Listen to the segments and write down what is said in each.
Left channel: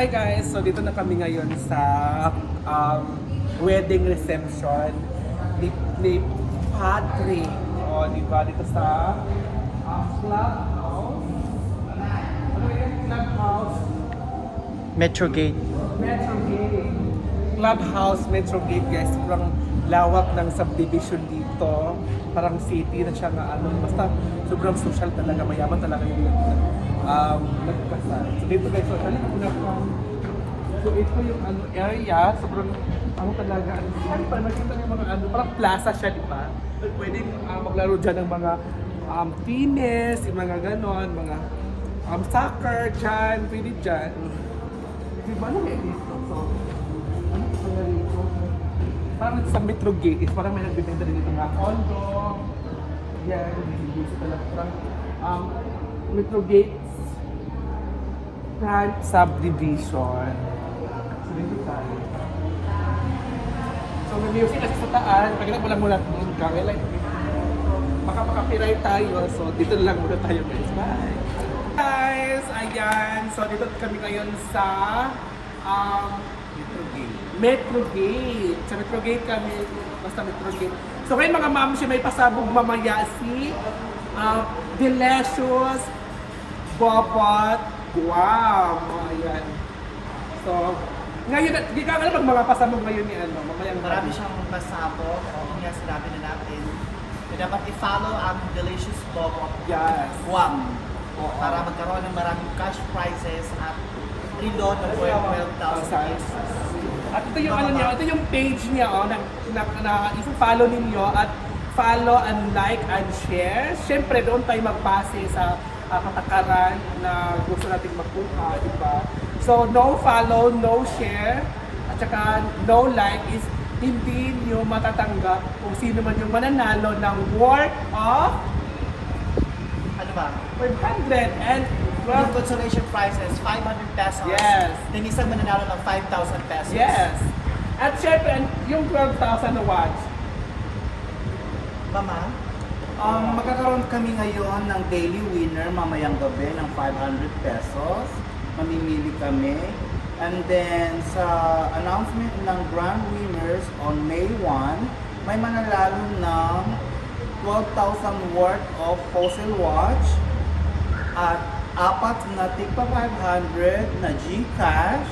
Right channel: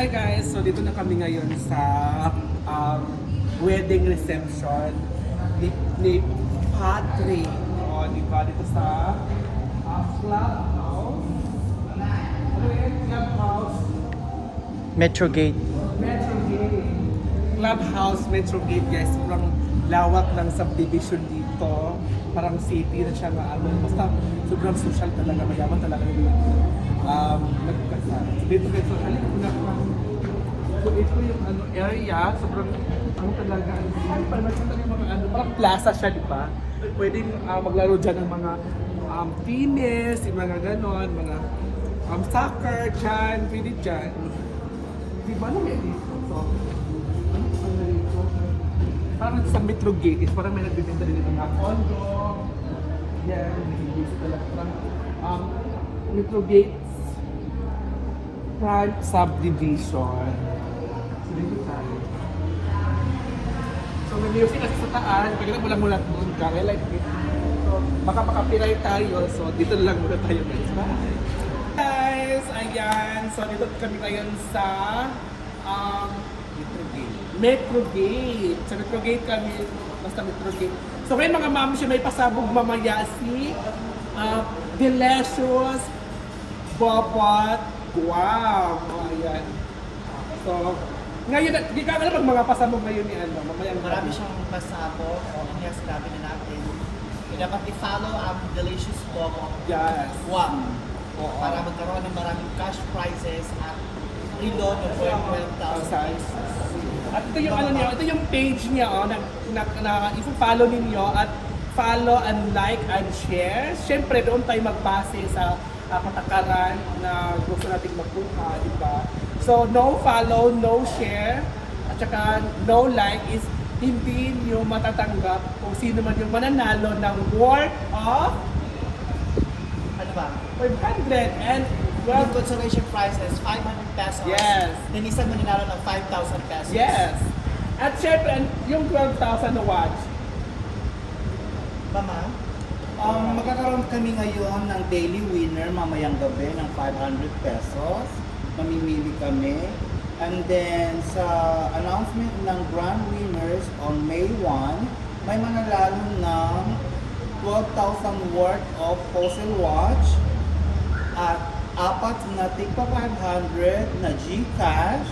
Hi guys! So dito na kami ngayon sa um, wedding reception ni, ni Patrick. O, di ba? Dito sa uh, clubhouse. Ano yun? Clubhouse. Metro Gate. Metro Gate. Clubhouse Metro Gate guys. Sobrang lawak ng subdivision dito. Parang city na siya na ano. Basta sobrang social talaga. Mayaman talaga yung um. So dito guys. So, halika ko na. So ito yung ano, area. Sobrang ano talaga. Parang nagkasal ng mga ano. Parang plaza siya, di ba? Pwede uh, maglaro dyan ng mga um, tennis, yung mga ganon, mga um, soccer dyan, pwede dyan. Di ba na may dito? So, ano ang narito? Parang sa Metro Gate is parang may nagbibenta rin ng mga condo. Yan, hindi talaga. Parang um, Metro Gate Front Subdivision. So, dito tayo. So, may music kasi sa taan. Lang muna doon ka. Well, like, so, baka makapiray tayo. So, dito lang muna tayo guys. Bye! Guys, ayan. So, dito kami ngayon sa um, Metro Gate. Metro Gate. Sa Metro Gate kami. Basta Metro Gate. So, ngayon mga ma'am, siya may pasabog mamaya si uh, Delicious Bobot Guam. Ayan. So, ngayon, di ka alam mga pasabog ngayon ni ano, mamayang Marami siyang pasabog. O kaya sinabi na natin. Kaya dapat i-follow ang Delicious Bobo Yes. Guam. Oo. Para magkaroon ng maraming cash prizes at reload ng 12,000 pesos. At ito yung ano niya, ito yung page niya oh, na, na, na i-follow ninyo at follow and like and share. Siyempre doon tayo magbase sa uh, patakaran na gusto nating makuha, di ba? So no follow, no share, at saka no like is hindi nyo matatanggap kung sino man yung mananalo ng worth of Ano ba? 500 and Well, 12 consolation prize is 500 pesos. Yes. Then isang mananalo ng 5,000 pesos. Yes. At syempre, yung 12,000 na watch, Mama? Um, magkakaroon kami ngayon ng daily winner mamayang gabi ng 500 pesos. Mamimili kami. And then sa announcement ng grand winners on May 1, may mananalo ng 12,000 worth of fossil watch at apat na tigpa 500 na Gcash.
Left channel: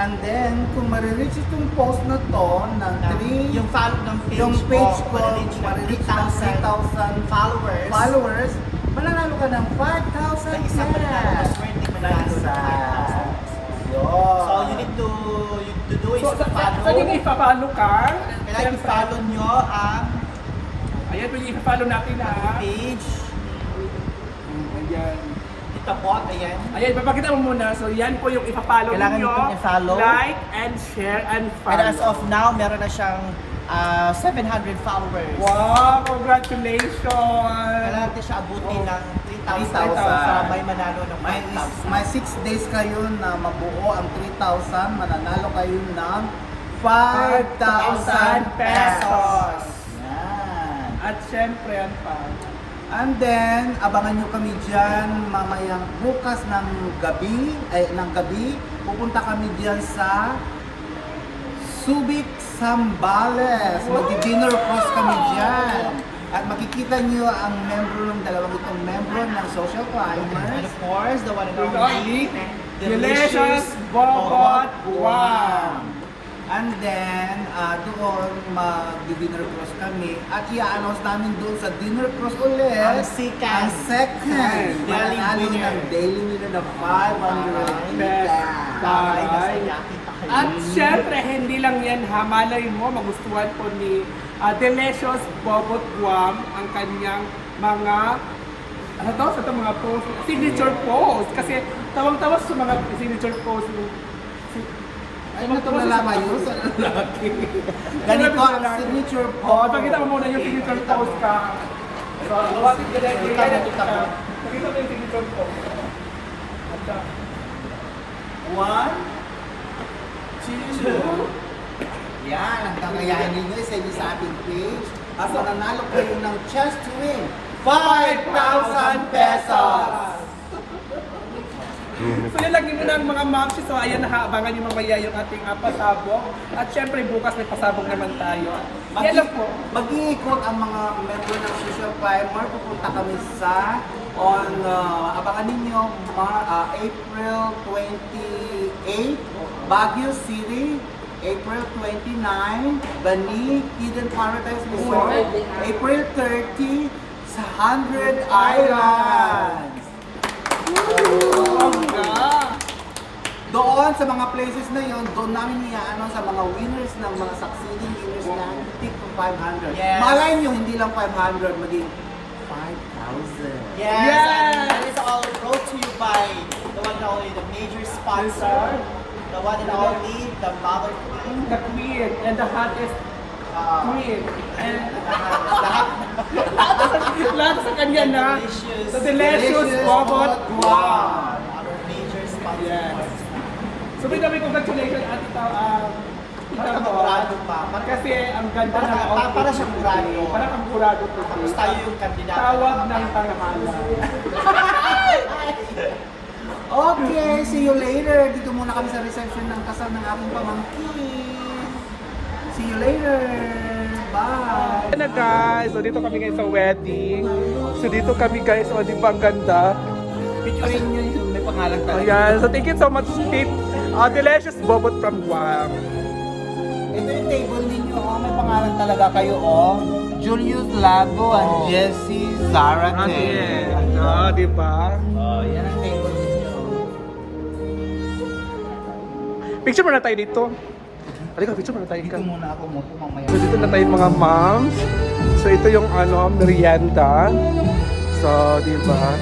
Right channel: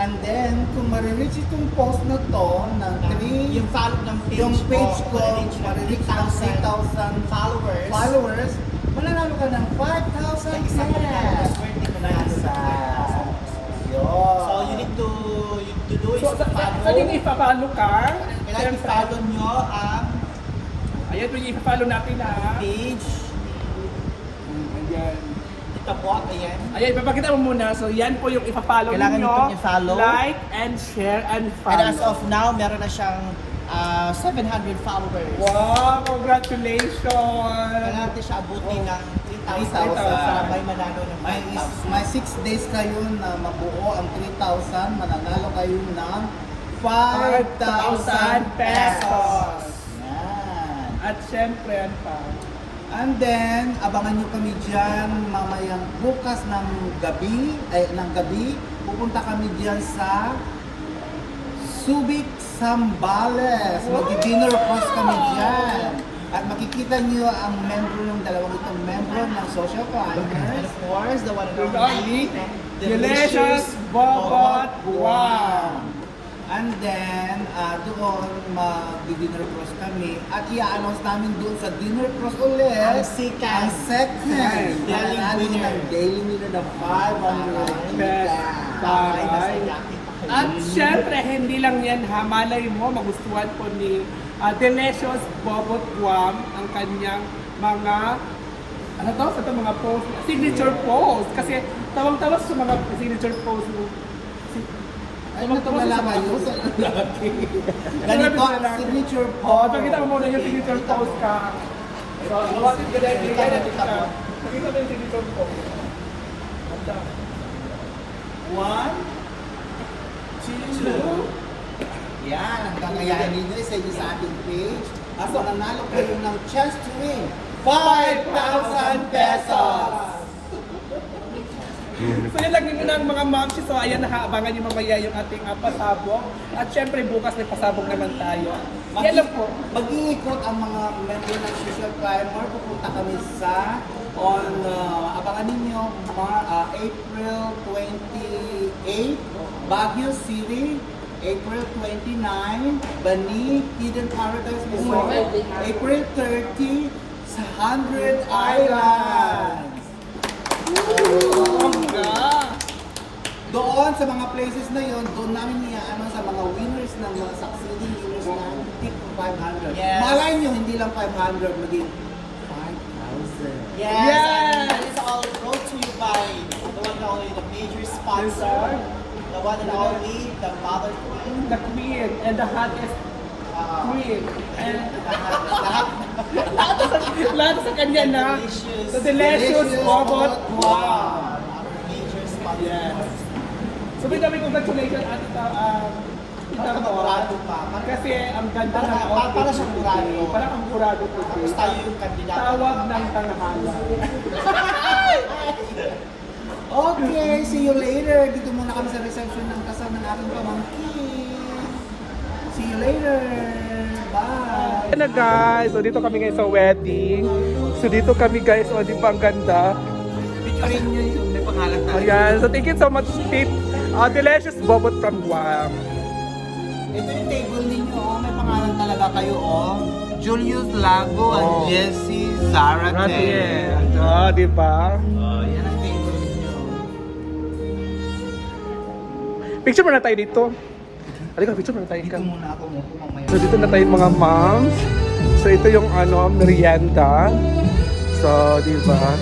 And then, kung marireach itong post na to ng 3 Yung follow ng page yung page ko, ko, marireach ng marireach ng 3,000 followers. followers, mananalo ka ng 5,000 Isang mananalo, cash. swerte mo Na na. isa. So, you Yun. need to, you need to do is So, sa, sa, follow. sa yung ipapalo ka, Kailangan i-follow nyo ang ayan po yung ipapalo natin na. page. Ayan. Itabot, ayan. Ayan, papakita mo muna. So, yan po yung ipapalo Kailangan ninyo. itong i-follow. Like and share and follow. And as of now, meron na siyang ah, 700 followers. Wow, congratulations! Kailangan natin siya abutin ng 3,000 para may manalo ng May, is, may 6 days kayo na mabuo ang 3,000, mananalo kayo ng 5,000 pesos. Yan. At syempre, yan pa. And then, abangan nyo kami dyan mamayang bukas ng gabi, ay, ng gabi, pupunta kami dyan sa Subic Sambales. Mag-dinner cross kami dyan. At makikita nyo ang membro ng dalawang itong membro ng Social Climbers. of course, the one and only Delicious Bobot Guam. And then, uh, doon mag-dinner cross kami. At i-announce namin doon sa dinner cross ulit. Ang second. Ang second. Winner. ng daily winner na 500 Best Ay, Bye. nasayakin pa kayo. At syempre, hindi lang yan ha. Malay mo, magustuhan po ni ah, Delicious Bobot Guam ang kanyang mga ano to? Sa mga post, signature post. Kasi tawang-tawa sa mga signature post. Ano ito nalaman yun sa lalaki? Ganito ang signature Oo, po. pakita mo muna yung signature post ka. So, hawakin ka dahil Kita mo, kita mo. Pakita mo yung signature post. At, ah, One, two, yan, ang kakayahan ninyo sa inyo sa ating page. At mananalo kayo ng chance to win 5,000 pesos! So yun lang muna ang mga mamsi. So ayan, nakaabangan yung mamaya yung ating uh, pasabog. At syempre bukas may pasabog naman tayo. Yan lang po. Mag-iikot ang mga member ng Social Primer. Pupunta kami sa on uh, abangan ninyo Mar- uh, April 28 Baguio City April 29 Bani Eden Paradise Resort April 30 sa 100 Islands Bongga! Doon sa mga places na yon, doon namin iaano sa mga winners ng mga succeeding winners ng to 500. Yes. Malay nyo, hindi lang 500, maging 5,000. Yes! Yes! And this all brought to you by the one and only, the major sponsor, the one and only, the mother queen. The queen and the hottest Uh, queen. And lahat, lahat sa kanya na. delicious. The delicious bobot. Wow! Yes. So may dami congratulations at ito, um, ito po. Kasi ang ganda ng outfit. para siyang murado. today. Parang ang murado today. Tapos tayo yung kandidato. Tawag ng tanghala. Okay, see you later. Dito muna kami sa reception ng kasal ng aking pamangkin. See you later. Bye. Na guys, so dito kami ngayon sa wedding. So dito kami guys, o di ba ang ganda? Picturein nyo may pangalan ka. Ayan, so thank you so much Steve. Uh, delicious bobot from Guam. Ito yung table ninyo, oh. may pangalan talaga kayo, oh. Julius Lago Oh. and Jessie Zarate. Oh, di ba? Oh, yan ang table ninyo. Picture muna tayo dito. Halika, picture muna tayo. Dito muna ako mo mamaya. So dito na tayo mga moms. So ito yung ano, merienda. So, di ba?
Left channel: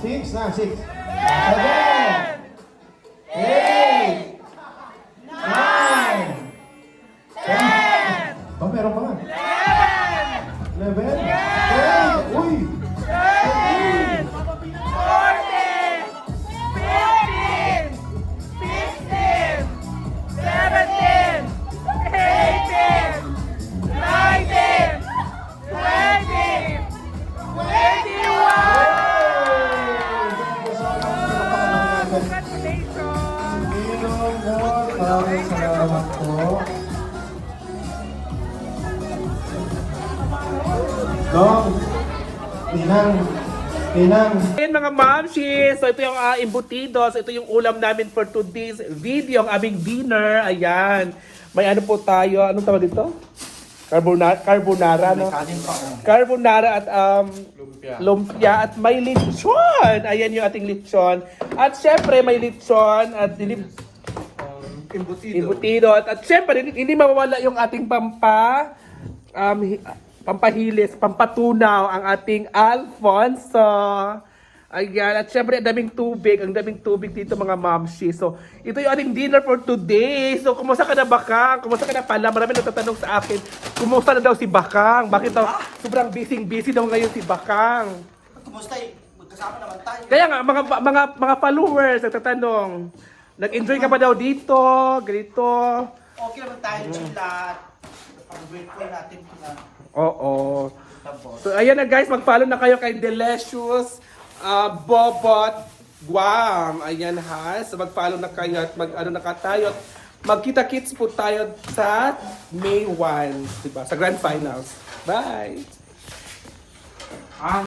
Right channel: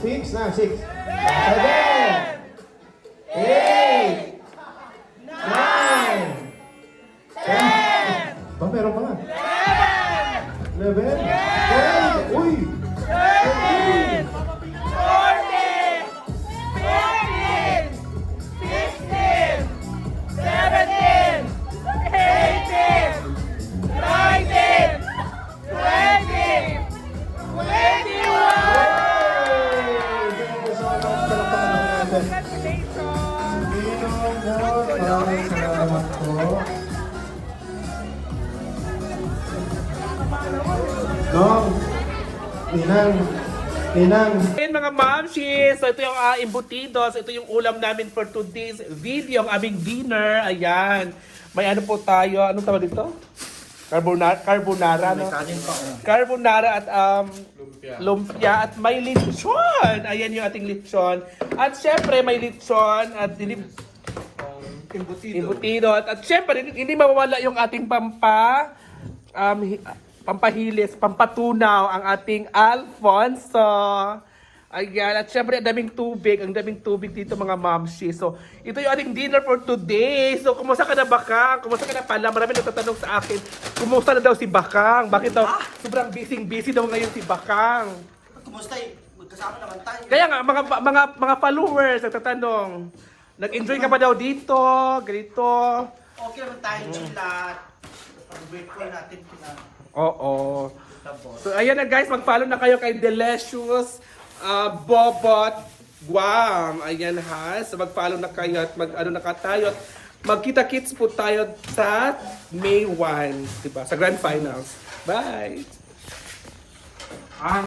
Six na, six. Seven. Eight. Nine. Ten. Ba, meron pa nga. Eleven. Dong, Inang, Inang, Ayan mga mamshis, so ito yung uh, embutidos, ito yung ulam namin for today's video, ang aming dinner, ayan. May ano po tayo, ano tawag dito? Carbonara, carbonara, no? Carbonara at um, lumpia at may lipson. Ayan yung ating lipson. At syempre may lipson at lip, embutido. At, at syempre hindi, hindi mawawala yung ating pampa um, pampahilis, pampatunaw ang ating Alfonso. Ayan, at syempre ang daming tubig, ang daming tubig dito mga mamshi. So, ito yung ating dinner for today. So, kumusta ka na Bakang? Kumusta ka na pala? Marami nagtatanong sa akin, kumusta na daw si Bakang? Bakit daw sobrang busy-busy daw ngayon si Bakang? Kumusta eh? Magkasama naman tayo. Kaya nga, mga, mga, mga followers nagtatanong, nag-enjoy ka ba daw dito? Ganito? Okay naman tayo, chill Pag-virtual natin kina. Oo. So ayan na guys, mag-follow na kayo kay Delicious uh, Bobot Guam. Ayan ha. So mag-follow na kayo at mag-ano na tayo. Magkita-kits po tayo sa May 1, diba? Sa Grand Finals. Bye!